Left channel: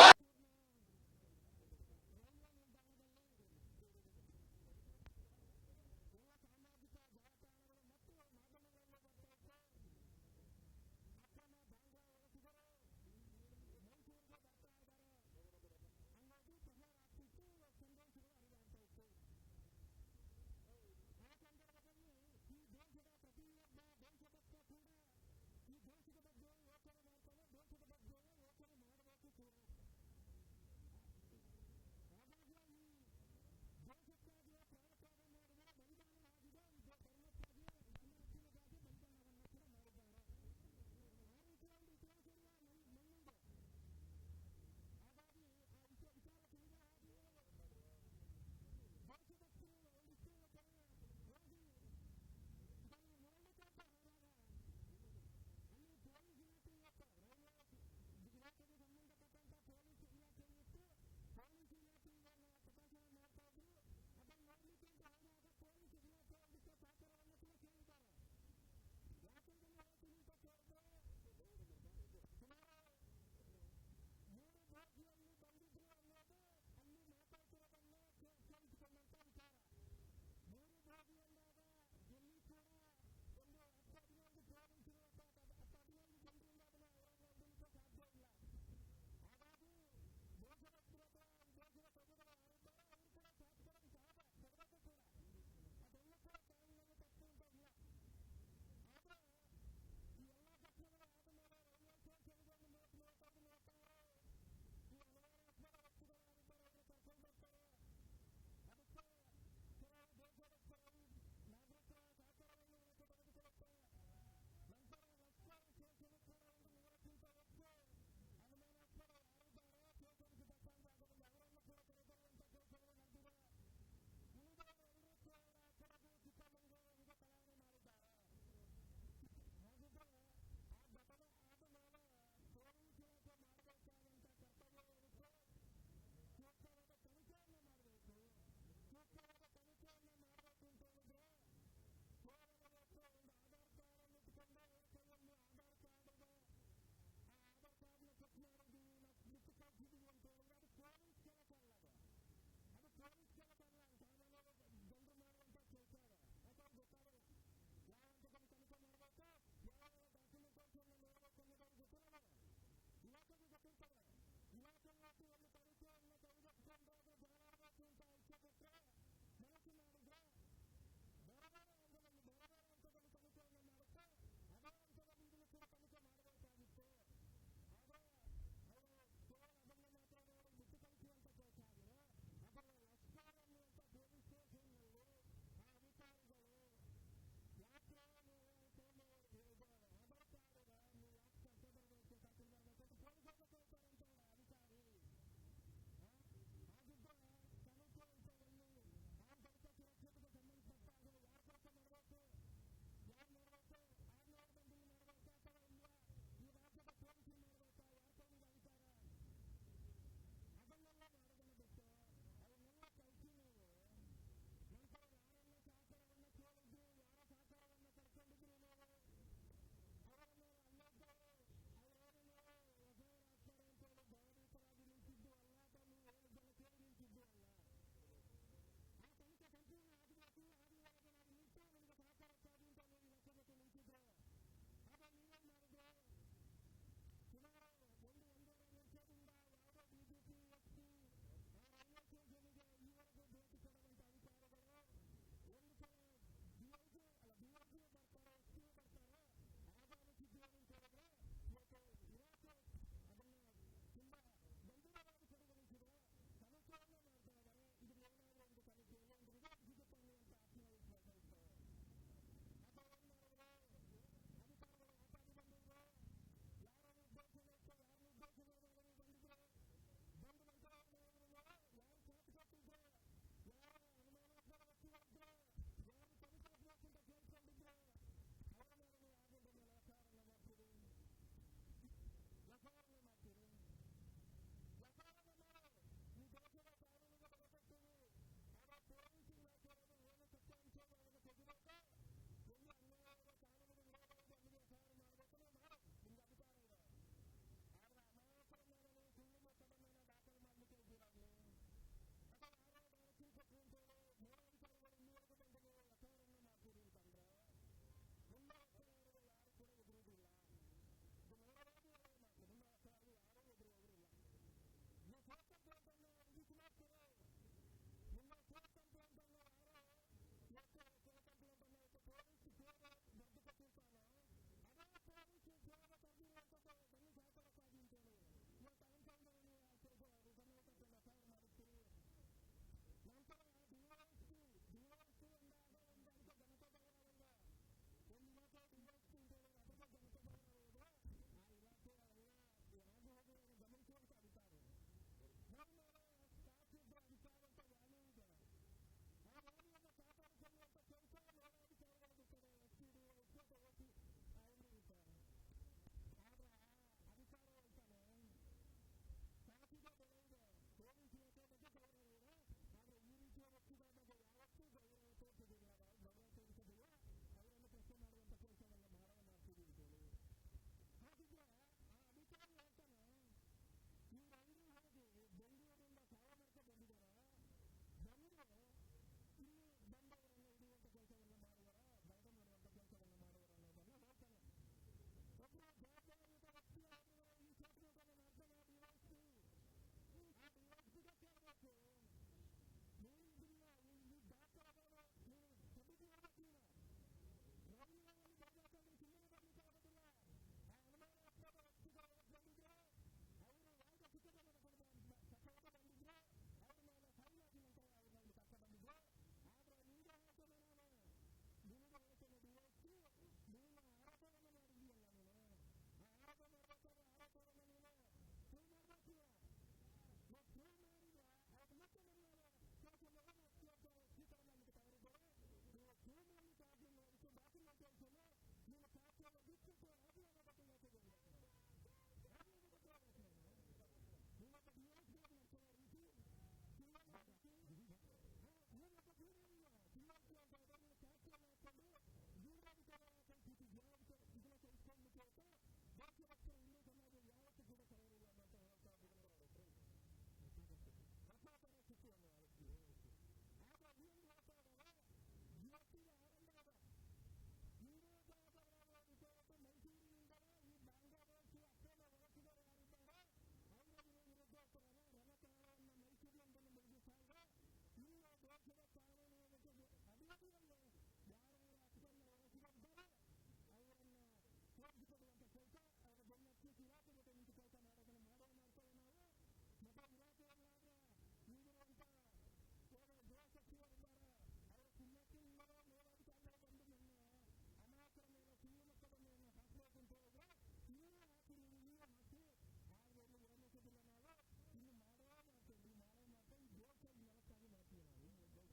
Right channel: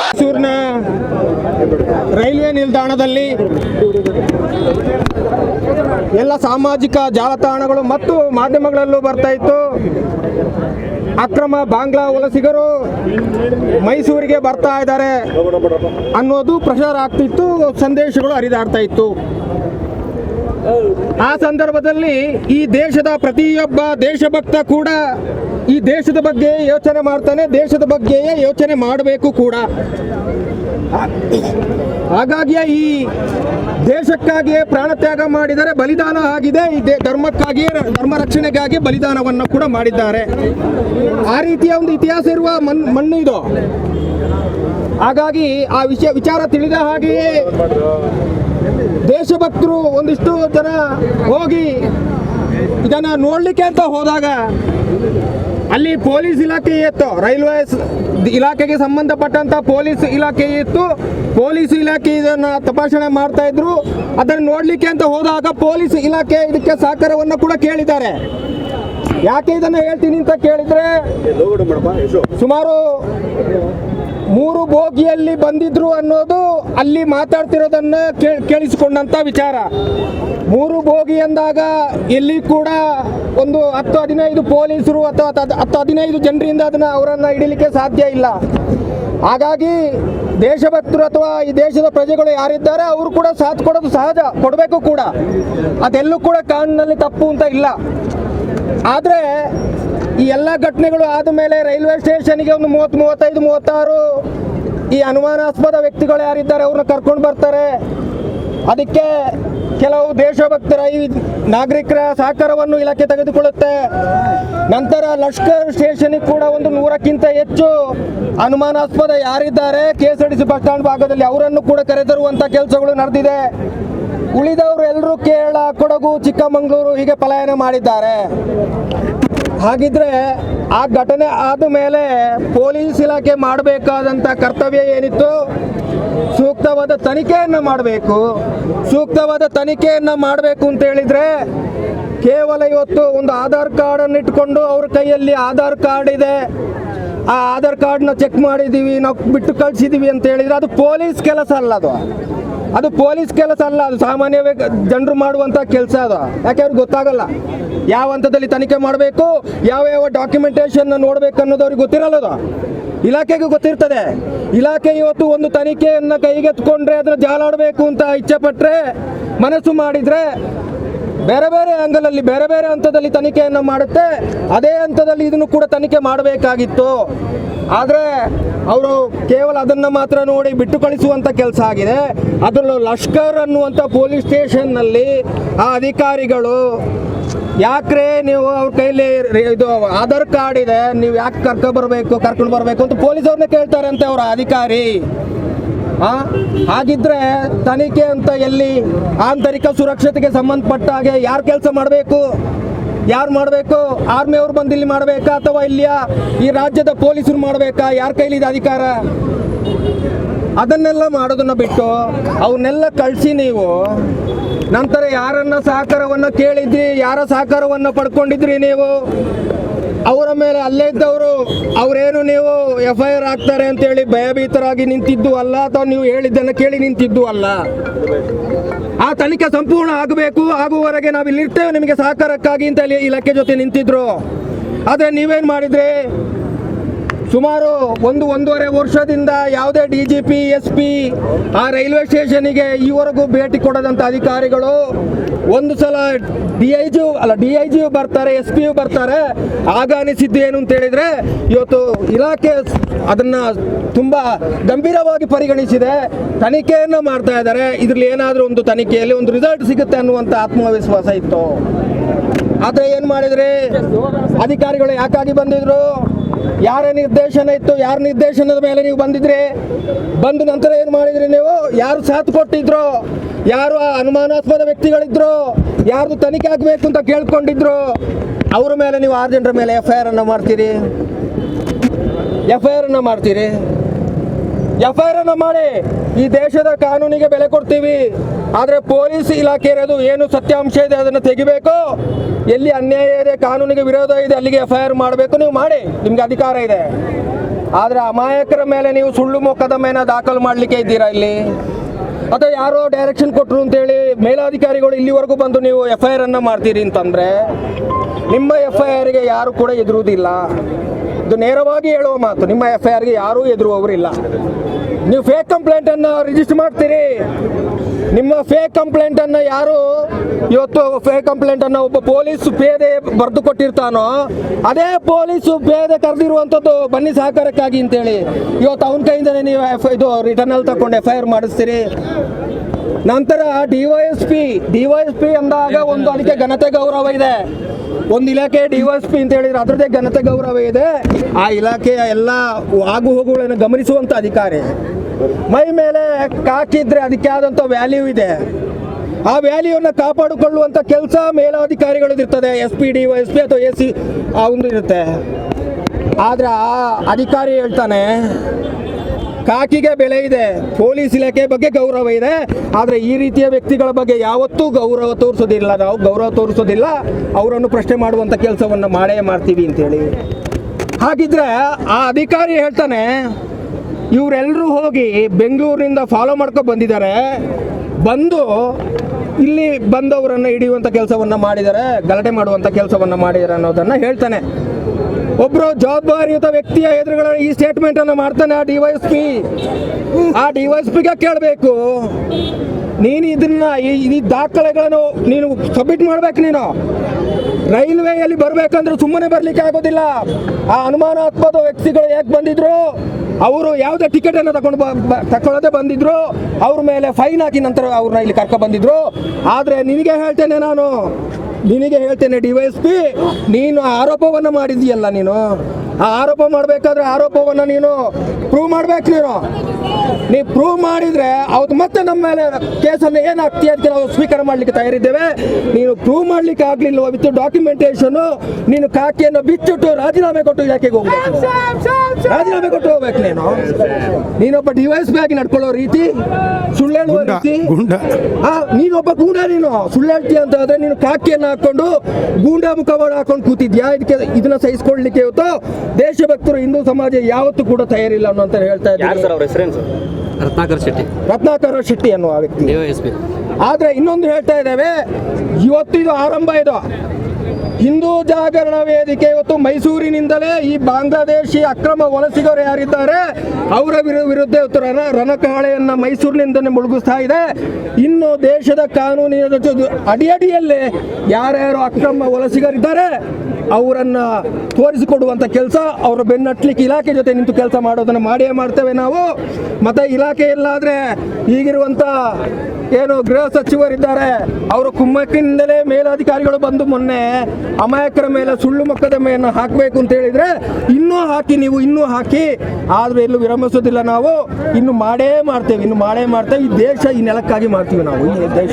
ಮೈಸೂರಿನ ರೈಲ್ವೆ ನಿಲ್ದಾಣದಲ್ಲಿ ಎಲ್ಲ ಸಾಮಾಜಿಕ ಜಾಲತಾಣಗಳು ಮತ್ತು ಮಾಧ್ಯಮಗಳಲ್ಲೂ ಬರ್ತಾ ಇತ್ತು. ಅಕ್ರಮ ಬಾಂಗ್ಲಾ ವಲಸಿಗರು ಮೈಸೂರಿಗೆ ಬರ್ತಾ ಇದ್ದಾರೆ ಅನ್ನೋದು ಪ್ರಚಾರ ಆಗ್ತಿತ್ತು, ಸಂದೇಶಗಳು ಹರಿದಾಡ್ತಾ ಇತ್ತು. ಆ ಸಂದರ್ಭದಲ್ಲಿ ಈ ದೇಶದ ಪ್ರತಿಯೊಬ್ಬ ದೇಶಭಕ್ತ ಕೂಡ ಈ ದೇಶದ ಬಗ್ಗೆ ಯೋಚನೆ ಮಾಡ್ತಾನೆ, ದೇಶದ ಬಗ್ಗೆಯೇ ಯೋಚನೆ ಮಾಡಬೇಕು ಕೂಡ. ಹಾಗಾಗಿ ಈ ದೇಶಕ್ಕಾಗಿಯೇ ಪ್ರಾಣತ್ಯಾಗ ಮಾಡಿದರೆ, ಬಲಿದಾನ ಆಗಿದೆ. ಈ ಧರ್ಮಕ್ಕಾಗಿಯೇ, ಧರ್ಮ ರಕ್ಷಣೆಗಾಗಿ ಬಲಿದಾನವನ್ನು ಕೂಡ ಮಾಡಿದ್ದಾರೆ. ಆ ರೀತಿಯ ಒಂದು ಇತಿಹಾಸ ಇರುವ ಮಣ್ಣು ಇದು. ಹಾಗಾಗಿ ಆ ವಿಚಾರ ತಿಳಿದ ಹಾಗೆಯೇ ದೇಶಭಕ್ತರು ಒಂದಿಷ್ಟು ಜನ ಹೋಗಿ ಇದನ್ನು ನೋಡಲಿಕ್ಕೆ ಅಂತ ಹೋದಾಗ ಅಲ್ಲಿ ಪೊಲೀಸ್ ಇಲಾಖೆ ಇತ್ತು, ರೈಲ್ವೆ ಇಲಾಖೆಗೆ ಸಂಬಂಧಪಟ್ಟಂತ ಪೊಲೀಸ್ ಇಲಾಖೆ ಇತ್ತು. ಪೊಲೀಸ್ ಇಲಾಖೆ ಇದನ್ನು ತಪಾಸಣೆ ಮಾಡ್ತಾ ಇದ್ರು. ಅದನ್ನು ನೋಡಲಿಕ್ಕೆ ಅಂತ ಹೋದಾಗ ಪೊಲೀಸ್ ಇಲಾಖೆ ಇದಕ್ಕೆ ಸಹಕಾರವನ್ನು ಕೂಡ ಕೇಳಿದ್ದಾರೆ. ಯಾಕೆ ಇದನ್ನು ಹೇಳ್ತೀನಿ ಅಂತ ಕೇಳಿದ್ರೆ, ಸುಮಾರು 3 ಬೋಗಿಯಲ್ಲಿ ಬಂದಿದ್ರು ಅನ್ನೋದು ಅಲ್ಲಿ ಮಾತಾಡ್ತಿರೋದನ್ನ ಕೇಳಿಸಿಕೊಂಡಂತ ವಿಚಾರ. 3 ಬೋಗಿ ಎಂದಾಗ ಇಲ್ಲಿ ಕೂಡ ಒಂದು 10-15 ಪೊಲೀಸರು ಅಥವಾ 10-15 ಜನರಿಂದ ಅವರನ್ನು ಹಿಡಿಲಿಕ್ಕೆ ಸಾಧ್ಯ ಇಲ್ಲ. ಹಾಗಾಗಿ ದೇಶಭಕ್ತರು ಅಥವಾ ಈ ದೇಶದ ಪ್ರಜೆಗಳು ಯಾರಿದ್ದಾರೆ ಅವರು ಕೂಡ ಸಾಥ್ ಕೊಡೋದು ಸಹಜ, ಕೊಡಬೇಕು ಕೂಡ. ಅದೆಲ್ಲೂ ಕೂಡ ಕಾನೂನಲ್ಲಿ ತಪ್ಪು ಅಂತ ಇಲ್ಲ. ಆದರೆ ಈ ಎಲ್ಲ ಘಟನೆಗಳು ಆದ ಮೇಲೆ ರೈಲ್ವೆ ಸ್ಟೇಷನ್ಗೆ ಒಂದು 30, 35, 36 ಈ ಅನುಮಾನಾಸ್ಪದ ವ್ಯಕ್ತಿಗಳು ಯಾರಿದ್ದಾರೆ ಅವ್ರನ್ನ ಕರ್ಕೊಂಡು ಬರ್ತಾರೆ. ಅದಕ್ಕೆ ಕೆಲವು ದೇಶಭಕ್ತರ ಈ ನಾಗರಿಕರ ಸಹಕಾರವನ್ನು ಇಲಾಖೆ ತೆಗೆದುಕೊಳ್ಳುತ್ತೆ. ನಂತರ ಲಷ್ಕರ್ ಸ್ಟೇಷನ್ಗೆ ಕೂಡ ಒಂದು 100ಕ್ಕಿಂತ ಹೆಚ್ಚು ಅನುಮಾನಾಸ್ಪದ ಯಾರಿದ್ದಾರೆ KSRTC ಬಸ್ ಸ್ಟ್ಯಾಂಡ್ ಭಾಗದಲ್ಲಿ ಅವರನ್ನು ಕೂಡ ಕರೆತರುವಂಥ ಕೆಲಸಗಳು ನಡೆದಿದೆ. ಉಳಿದವರು ಎಲ್ಲರೂ ಕೇರಳ, ಕೊಡಗು, ಚಿಕ್ಕಮಗಳೂರು ಹೀಗೆ ಪಲಾಯನ ಮಾಡಿದ್ದಾರೆ. ಹಾಗಿದ್ರೆ ಆ ಘಟನೆ ಆದ ಮೇಲೆ ಪೊಲೀಸ್ ಇಲಾಖೆ ಮಾಡಬೇಕಾದಂಥ ಕರ್ತವ್ಯ ಏನಿತ್ತು, ಸೂಕ್ತವಾದ ತನಿಖೆಯನ್ನು ಮಾಡಬೇಕು. ಸೂಕ್ತವಾದ ತನಿಖೆಯನ್ನು ಮಾಡಬೇಕು ಅಂತ ಹೇಳಿದ್ರೆ ಕೇವಲ ಇವತ್ತು ಒಂದು ಆಧಾರ್ ಕಾರ್ಡನ್ನು ಇಟ್ಕೊಂಡು ಅವ್ರ ಕೈಯಲ್ಲಿ ಆಧಾರ್ ಕಾರ್ಡ್ ಇದೆ, ಆ ಆಧಾರ್ ಕಾರ್ಡ್ನ ಚೆಕ್ ಮಾಡಿದ್ದೀವಿ, ನಾವು ಬಿಟ್ಟು ಕಳಿಸಿದ್ದೀವಿ ಅಂತ ಹೇಳಿದ್ರೆ ಅದು ಪೊಲೀಸ್ ಕೆಲಸ ಅಲ್ಲ. ಅದು ಪೊಲೀಸ್ ಕೆಲಸ ಅಲ್ಲ, ಅದು ಸಾಮಾನ್ಯವೇ ಜನರು ಮಾಡುವಂಥ ಕೆಲಸ. ಅದು ಯಾಕೆ ಅವ್ರಿಗೆ ಗೊತ್ತಾಗಲ್ಲ ಯಾವ ಹಂತದಲ್ಲಿ ತನಿಖೆ ಮಾಡಬೇಕು, ಯಾವ ಡಾಕ್ಯುಮೆಂಟೇಷನ್ ನೋಡಬೇಕು ಅನ್ನೋದು ಅವ್ರಿಗೆ ಗೊತ್ತಿರಲ್ಲ. ಇಲಾಖೆಗೆ ಗೊತ್ತಿರ್ತದೆ. ಇಲಾಖೆ ಇವತ್ತು ಒಂದು ತನಿಖೆಯನ್ನು ಕೈಗೆತ್ಕೊಂಡ್ರೆ ಅದನ್ನು ಜಾಲಾಡಬೇಕು ಅಂತ ಇಚ್ಛೆ ಪಟ್ಟರೆ, ಮನಸ್ಸು ಮಾಡಿದರೆ ಬೇರೆ ಬೇರೆ ಆಂಗಲಲ್ಲಿ ಬೇರೆ ಬೇರೆ ಹಂತದಲ್ಲಿ ತನಿಖೆಯನ್ನು ಮಾಡುತ್ತೆ. ಅದೇ ಹಂತದಲ್ಲಿ ಇದನ್ನು ಕೂಡ ತನಿಖೆ ಮಾಡಬೇಕಾಗಿತ್ತು. ಆದರೆ ಅವರು ಕೇವಲ ಅದನ್ನು ಮಾತ್ರ ನೋಡಿ ಬಿಟ್ಟು ಕಳಿಸುವಂಥ ಕೆಲಸ ಆಗಿದೆ. ಅದರಲ್ಲೂ ಲಷ್ಕರ್ ಅನ್ನುವಂಥ ಪೊಲೀಸ್ ಸ್ಟೇಷನ್ನಲ್ಲಿ ಆ ಅಧಿಕಾರಿಗಳು ಯಾಕ್ರೆ ನೀವು ಅವ್ರ ಕೈಲಿ ಇದು ಆಧಾರ್ ಕಾರ್ಡ್ ಇದೆ, ನೀವು ಯಾಕೆ ಕರ್ಕೊಂಡು ಬರಬೇಕು ಅಂತ ಪೊಲೀಸ್ ಅವ್ರನ್ನೇ ಕೇಳ್ತಾರೆ ಅಂತೆ ಅವರ ಅಧಿಕಾರಿ. ಹಾಗಿದ್ರೆ ತನಿಖೆ ಅಂತ ಎಲ್ಲಿ? ಆಂತರಿಕ ಸುರಕ್ಷತೆಗೆ ಸಂಬಂಧಪಟ್ಟ ಹಾಗೆ ಯಾರು ಕೆಲಸ ಮಾಡಬೇಕು? ಆರ್ಮಿ ಅವ್ರು ಬಂದು ಇಲ್ಲಿ ಮಾಡಬೇಕಾ ಅಥವಾ ಇಲ್ಲಿಯ ಈ ರಾಜ್ಯದ ಪೊಲೀಸರು ಮಾಡಬೇಕಾ? ಯಾರ ಕೈಲಿದೆ ಅಧಿಕಾರ? ಅದನ್ನೆಲ್ಲ ಮಾಡೋದನ್ನ ಬಿಟ್ಟು ಅವನ್ನೆಲ್ಲ ಕಳಿಸಿ ನೀವು ನಂತರ ಯಾರನ್ನ ಸಹಕಾರವನ್ನು ಕೇಳಿದ್ರಿ, ಯಾರ ಸಹಕಾರವನ್ನು ಪಡ್ಕೊಂಡಿದ್ರಿ ನೀವು, ಅವರ ಮೇಲೆ ಅಲ್ಲೇ ಇದ್ದವರು ಅವರೇನು ನೀವು FIR ಆಗ್ತಾರೆ ಅಂತೇಳಿ ಭಯಭೀತರಾಗಿ ನಿಂತಿದ್ದು ಅಲ್ಲ, ಅಥವಾ ನೀವು ಹೇಳಿದ್ದನ್ನು ಕೇಳಿ ನಿಂತಿದ್ದು ಅಲ್ಲ. ಆ ತನಿಖೆ ಸಂಪೂರ್ಣ ಆಗಬೇಕು, ಆಗುವವರೆಗೆ ನಾವು ಇಲ್ಲಿ ಇರ್ತೇವೆ ನಿಮಗೆ ಸಹಕಾರಕ್ಕಾಗಿ ಅಂತ ಇಲಾಖೆ ಜೊತೆ ನಿಂತಿದ್ರು. ಆದರೆ ನೀವೇನು ಮಾಡಿದ್ರಿ? ಸುಮಾರು 1-1.5 ವರ್ಷದಿಂದ ಯಾವುದೇ DGP, SP ಆ ರೈಲ್ವೆ ಸ್ಟೇಷನಿಗೆ ಈವರೆಗೂ ಭೇಟಿ ಕೊಡದಂಥ ಅಧಿಕಾರಿಗಳು ಒಂದು ಸಲ DIG ಬರ್ತಾರೆ, SP ಬರ್ತಾರೆ. ಆಗ ಅನಿಸಿದ್ದು ಏನು ಅಂತ ಹೇಳಿದ್ರೆ, ಇವತ್ತು ಇಲಾಖೆ ಅದನ್ನ ತುಂಬಾ ಗಂಭೀರವಾಗಿ ಪರಿಗಣಿಸಿದೆ, ತನಿಖೆಯನ್ನು ಮಾಡ್ತಾ ಇದ್ದಾರೆ. ಇದ್ರಲ್ಲಿ ಏನಾದರೂ ಒಂದು ತನಿಖೆಯಲ್ಲಿ ಒಂದು ರಿಸಲ್ಟ್ ಸಿಗುತ್ತೆ ಅನ್ನುವಂಥ ಆತ್ಮವಿಶ್ವಾಸ ಇತ್ತು. ಆದರೆ ಏನು ಮಾಡಿದ್ರಿ? ಅಧಿಕಾರಿಗಳು ಯಾಕಾಗಿ ಬಂದಿದ್ರು? ಯಾರ ನಿರ್ದೇಶನ ಇತ್ತು? ಯಾರ ನಿರ್ದೇಶನದ ಮೇಲೆ ನೀವು ಬಂದಿದ್ರಿ? ಬಂದು ನಂತರ ಏನು ಮಾಡಿದ್ರಿ ನೀವು? ಯಾರು ಸಾಥ್ ಕೊಟ್ಟಿದ್ರು? ಯಾರು ಅನುಮಾನಾಸ್ಪದ ವ್ಯಕ್ತಿಗಳಿದ್ರು? ಯಾರ್ದು ತನಿಖೆ ಆಗಬೇಕು ಅಂತ ಕೇಳ್ಕೊಂಡಿದ್ರು? ಅವ್ರ ಮೇಲೆ ನೀವು 6 ಜನರ ಮೇಲೆ FIR ಅನ್ನು ಮಾಡ್ತೀರಿ. FIR ಅನ್ನು ಮಾಡಿ ಈ ದೇಶದ ಕಾನೂನಿಗೆ ಬೆಲೆ ಕೊಡ್ತೀವಿ. ಆದರೆ ಪೊಲೀಸ್ ಇಲಾಖೆ ಇರೋದು ಏನು ಸತ್ಯಾಂಶ ಇದೆ ಅದನ್ನು ತೆಗಿಬೇಕು. ಎಲ್ಲಿ ಅನ್ಯಾಯ ಇದೆ, ಕಾನೂನಿಗೆ ವಿರೋಧ ಇದೆ, ಅಲ್ಲಿಗೆ FIR ಮಾಡಬೇಕು. ನೀವು ಮಾಡಿ, ನಿಮ್ಗೆ ಅಧಿಕಾರ ಇದೆ. ಆದರೆ ಅಮಾಯಕರ ಮೇಲೆ ನೀವು ಸುಳ್ಳು ಮೊಕದ್ದಮೆಯನ್ನು ದಾಖಲು ಮಾಡಲಿಕ್ಕೆ ಇದ್ದೀರಾ ಇಲ್ಲಿ? ಅಥವಾ ಯಾರೋ ಡೈರೆಕ್ಷನ್ ಕೊಟ್ಟರು ಅಂತೇಳಿ ಮೇಲಾಧಿಕಾರಿಗಳು ಇಲ್ಲಿವರೆಗೂ ಬಂದು ನೀವು FIR ಅನ್ನು ಮಾಡ್ತೀರಿ ಅಂತಂದರೆ ನಿಮ್ಮ FIRಗೆ ಯಾರು ಕೂಡ ಎದುರುವುದಿಲ್ಲ. ಇದು ನೇರವಾಗಿ ಹೇಳುವ ಮಾತು. ನಿಮ್ಮ FIRಗೆ ಯಾರೂ ಎದುರುವವರಿಲ್ಲ. ನೀವು ಫೇಕ್ ಕಂಪ್ಲೇಂಟನ್ನು ರಿಜಿಸ್ಟರ್ ಮಾಡ್ತೀರಿ. ನಿಮ್ಮ ಫೇಕ್ ಕಂಪ್ಲೇಂಟನ್ನು ಯಾರು ಇವತ್ತು ಫೇಕ್ ಕಂಪ್ಲೇಂಟನ್ನು ಒಬ್ಬ ಪೊಲೀಸ್ ಪೇದೆ ಬರೆದು ಕೊಟ್ಟಿರ್ತಾನೋ ಅದೇ ಪೊಲೀಸು ಪೇದೆ ಕರೆದಿರುವಂಥದ್ದು ಬನ್ನಿ ಸಹಕಾರಕ್ಕಾಗಿ ಅಂತೇಳಿ ಇವತ್ತು ಅವನ ಕೈಯಿಂದಲೇ ನೀವು ಇದು ರಿಟರ್ನಲ್ಲಿ ತಗೊಂಡು FIR ಮಾಡಿಸ್ತೀರಿ. ನಂತರ DYSP ಅಂದಾಗ ಒಂದು ಅದಕ್ಕೆ ಘನತೆ ಗೌರವ ಇದೆ. ಒಂದು ಇಲಾಖೆ DYSP ಅಂತ ಹೇಳಿದ್ರೆ ಅದರದ್ದೇ ಘನತೆ ಗೌರವ ಇದೆ. ಆ ಇಲಾಖೆಯ ಎಲ್ಲ ಆಗು ಹೋಗುಗಳನ್ನು ಗಮನಿಸುವಂಥ ಅಧಿಕಾರಿ. ಮೈ ಮೇಲೆ ಕಾಕಿದ್ರೆ ಅದಕ್ಕೆ ಆದಂಥ ವ್ಯಾಲ್ಯೂ ಇದೆ. ಆ ವ್ಯಾಲ್ಯೂವನ್ನು ಕಾಪಾಡಿಕೊಳ್ಳುವಂಥ ಕೆಲಸ ಮೇಲಾಧಿಕಾರಿಗಳದಿರ್ತದೆ. SP DYSP ಅಥವಾ AC ಆ ಒಂದು ಇರುತ್ತೆ. ಆದರೆ ಆ ಅಧಿಕಾರಿ ಹೇಳ್ತಾನೆ ಕಾಕಿಗೆ ಬೆಲೆ ಇದೆ, ಪೊಲೀಸ್ ಇಲಾಖೆ ಬಗ್ಗೆ ಗೌರವ ಇದೆ, ಆದರೆ ಈ ರೀತಿಯ ವ್ಯಕ್ತಿಗಳ ಬಗ್ಗೆ ಯಾವತ್ತೂ ಗೌರವ ತೋರಿಸೋದಿಲ್ಲ. ನಾವು ಗೌರವ ತೋರಿಸೋದಿಲ್ಲ, ಅವರನ್ನು ಪ್ರಶ್ನೆ ಮಾಡುವಂಥ ಕೆಲಸವನ್ನು ಮಾಡೇ ಮಾಡ್ತೀವಿ ಅಂತೇಳಿ. ಹಾಗಿದ್ರೆ ಆ ಅಧಿಕಾರಿ ಹೇಳ್ತಾನೆ ಇವರೆಲ್ಲರೂ ಹೋಗಿ ಬೆಂಗಳೂರಿನಿಂದ ಫಾಲೋ ಮಾಡ್ಕೊಂಡು ಬಂದಿದ್ದಾರೆ, ಬಂದು ಇಲ್ಲಿ ಬಂದವರನ್ನು ಹಿಡಿಯುವಂಥ ಕೆಲಸವನ್ನು ಮಾಡಿದ್ದಾರೆ, ಗಲಾಟೆ ಮಾಡುವಂಥ ಕೆಲಸವನ್ನು ಮಾಡಿದ್ದಾರೆ ಅನ್ನೋದನ್ನು ಹೇಳ್ತಾನೆ. ಒಬ್ಬರು ಜವಾಬ್ದಾರಿಯುತ ವ್ಯಕ್ತಿಯ ಎದುರುಗಳ ಈ ಸ್ಟೇಟ್ಮೆಂಟ್ ಅನ್ನು ಮಾಡ್ತಾನೆ ಆ DYSP. ಆ DYSPಗೆ ಕೇಳಬೇಕು, ನೀನು ಇದನ್ನ ಈ ದಾಖಲೆಗಳನ್ನು ನೀನು ಸಬ್ಮಿಟ್ ಮಾಡ್ಬೇಕು. ನೀನು ರೈಲ್ವೆಯಲ್ಲಿ ಬರಬೇಕಂದ್ರೆ ಸುಮ್ಮನೆ ಬರಲಿಕ್ಕೆ ಆಗೋದಿಲ್ಲ. ಆ ಅನುಮಾನಾಸ್ಪದ ವ್ಯಕ್ತಿಗಳು ಹೇಗೆ ಬಂದಿದ್ರು, ಅವರು ಯಾವುದೇ ಟಿಕೆಟನ್ನು ತಗೊಳ್ಳದೆ ಬಂದಿದ್ರು, ಅವ್ರ ಮೇಲೆ ಫೈನ್ ಹಾಕಿ ನಂತರ ಅವ್ರನ್ನ ಇಲ್ಲಿ ಕರ್ಕೊ ಬಂದಿದ್ರು. ಆದರೆ ನಿನಗೆ ಹೇಳ್ತೇನೆ DYSP, ನೀನು ಆರೋಪವನ್ನು ಮಾಡಿದೀಯಲ್ಲ, ನೀನು ಆ ಆರೋಪ ಮಾಡಬೇಕಾದ್ರೆ ಆರೋಪವನ್ನು ನೀನು ಪ್ರೂವ್ ಮಾಡ್ಬೇಕು. ನೀವು ಪ್ರೂವ್ ಮಾಡಿದರೆ ಅವತ್ತು ಮತ್ತೆ ನಮ್ಮ ಮೇಲೆ ಕೇಸನ್ನು ಏನಾಗ್ತೀಯ ಅಂತ ನಾವು ಸ್ವೀಕಾರ ಮಾಡಲಿಕ್ಕೆ ತಯಾರಿದ್ದೇವೆ. ನೀನು ಪ್ರೂವ್ ಮಾಡಲಿಕ್ಕೆ ಆಗಲಿಲ್ಲ ವಿತ್ ಡಾಕ್ಯುಮೆಂಟೇಷನ್ನು, ನೀನು ಕಾಕಿಯನ್ನು ಬಿಚ್ಚಿಟ್ಟು ರಾಜೀನಾಮೆ ಕೊಟ್ಟು ಇಲಾಖೆಗೆ ಹೋಗ್ಬೇಕು. ರಾಜೀನಾಮೆ ಕೊಟ್ಟು ಹೋಗ್ಬೇಕು. ನೀನೊಬ್ಬ DYSP ಆಗಿ ನಡ್ಕೊಳ್ಳೋ ರೀತಿ, ಸುಳ್ಳು ಹೇಳುವ ರೀತಿ, ನೀನೊಬ್ಬ ಗೂಂಡ. ನೀನು ಸುಳ್ಳು ಹೇಳ್ತೀಯ ಅಂತ ಆದರೆ ನೀನು ಕಾಕಿಯನ್ನು ಹಾಕೊಂಡು ಗೂಂಡಾ ಮುಖವಾಡ ಹಾಕೊಂಡು ಕೂತಿದ್ಯಾ. ಇದನ್ನ ಸಹಿಸಿಕೊಳ್ಳಲಿಕ್ಕೆ ಇವತ್ತು ದೇಶಭಕ್ತರು ಹಿಂದೂ ಸಮಾಜ ಯಾವತ್ತೂ ಕೂಡ ತಯಾರಿಲ್ಲ ಅನ್ನೋ ಹೇಳ್ತಾ ಇದ್ದಾರೆ. ರತ್ನಾಕರ ಶೆಟ್ಟಿ ಅನ್ನುವ ವ್ಯಕ್ತಿ. ಆದರೆ ಇನ್ನೊಂದು ಹೇಳ್ತಾ ಇದ್ದೇವೆ, ಇವತ್ತು ಇದು ಆರಂಭ. ಇದು ಹಿಂದೂ ಜಾಗರಣ ವೇದಿಕೆ ಇವತ್ತು ಮೈಸೂರಿನಿಂದಲೇ ಈ ಬಾಂಗ್ಲಾದೇಶಿ ಅಕ್ರಮ ವಲಸಿಗರು ಯಾರಿದ್ದಾರೆ ಅವರ ವಿರುದ್ಧ ಇವತ್ತು ರಣಕಹಳೆಯನ್ನು ಮೈಸೂರಿನಿಂದಲೇ ಮುಳುಗಿಸ್ತಾ ಇದೆ. ಇನ್ನು ದೇಶದ ಕಾನೂನಿನ ಅಡಿಯಡಿಯಲ್ಲೇ ಯಾರ್ಯಾರು ಅಕ್ರಮ ವಲಸಿಗರಿದ್ದಾರೆ ಅವರನ್ನು ತೋರಿಸಿಕೊಡುವಂಥ ಕೆಲಸ, ಅವರ ಬೆನ್ನಟ್ಟಲಿಕ್ಕೆ ಇಲಾಖೆ ಜೊತೆ ನಿಂತು ಕೆಲಸ ಮಾಡೋದನ್ನು ಮಾಡಿಯೇ ಮಾಡ್ತೇವೆ ನಾವು. ಮತ್ತು ಇಲಾಖೆಯಲ್ಲಾದರೆ ಈಗಿರುವಂಥ ಏನು ಗೃಹ ಸಚಿವರಿದ್ದಾರೆ ಅವರು ಕುಮ್ಮಕ್ಕಿನಿಂದಲೇ ಮೇಲಾಧಿಕಾರಿಗಳು ಬಂದು ಮೊನ್ನೆ ಅಮಾಯಕರ ಮೇಲೆ ಸುಳ್ಳು ಮೊಕದ್ದಮೆಯನ್ನು ಹಾಕಬೇಕು ಅಂತ ಹೇಳಿದರೆ ಇನ್ನೂ ಹಾಕಿ, ಆದರೆ ಎಲ್ಲೂ ವಿರಮಿಸೋದಿಲ್ಲ. ನಾವು ಇನ್ನು ಮಾಡೇ ಮಾಡ್ತೇವೆ. ಈ ದೇಶ ಈ ನೆಲಕ್ಕಾಗಿ ಮಾಡ್ತೀವಿ ನಾವು. ಈ ದೇಶ